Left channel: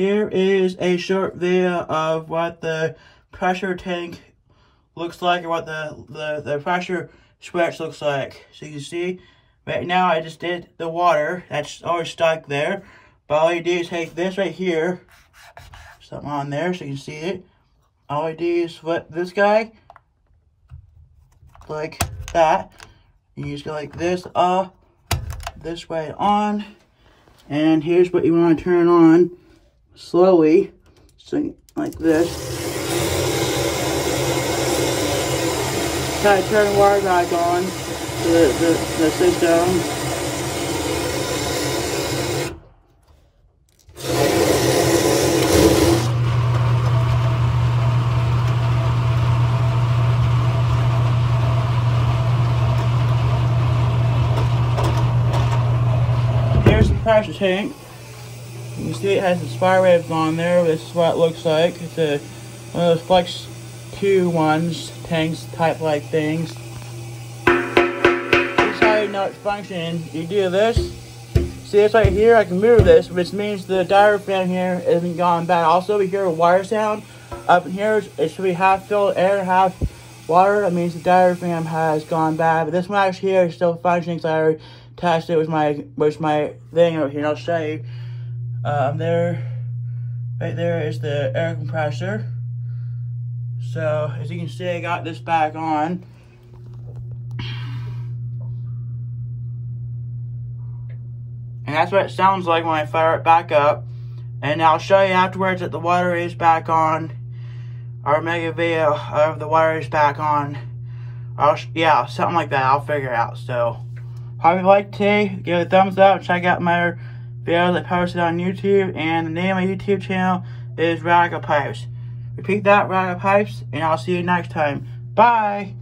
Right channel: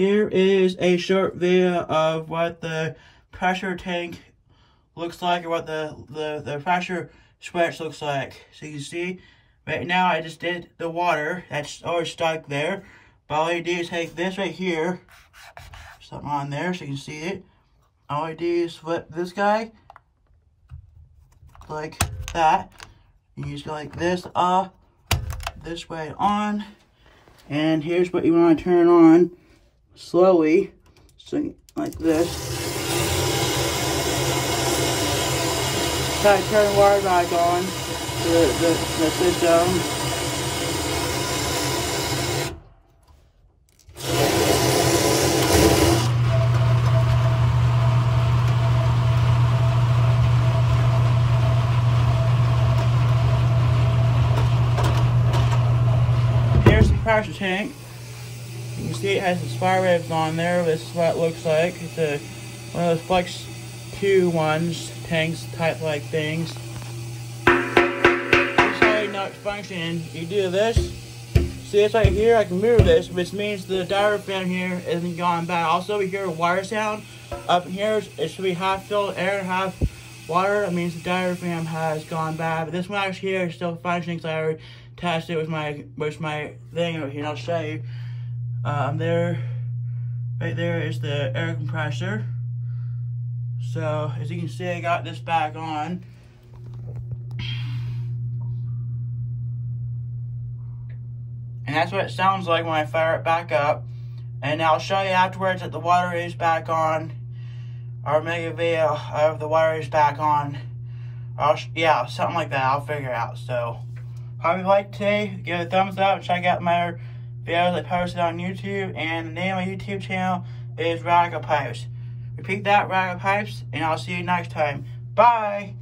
here is a short video of what the pressure tank looks like, or what the pressure switch looks like. So you can see, right now I just did the water, that's always stuck there. But all you do is take this right here, something on there so you can see it. All I do is flip this guy, like that. And you just go like this, off, this way on. And here's what you want to turn on slowly, so like this. Try to turn the water back on to the system. Here's the pressure tank. You can see it has the spy ribs on there. This is what it looks like. It's one of those Flex 2 ones, tanks type like things. This is how you know it's functioning. You do this. See this right here? I can move this, which means the diaphragm here isn't gone bad. Also, we hear a wire sound. Up in here, it should be half filled air and half water. That means the diaphragm has gone bad. But this one actually here is still functioning, because I already tested it with my thing over here. I'll show you. Right there is the air compressor. So as you can see, I got this back on. And that's what it sounds like when I fire it back up. And I'll show you afterwards that the water is back on. I'll make a video of the water is back on. Yeah, something like that. I'll figure it out. So, hope you liked today. Give it a thumbs up. Check out my videos I posted on YouTube. And the name of my YouTube channel is Radical Pipes. Repeat that, Radical Pipes. And I'll see you next time. Bye.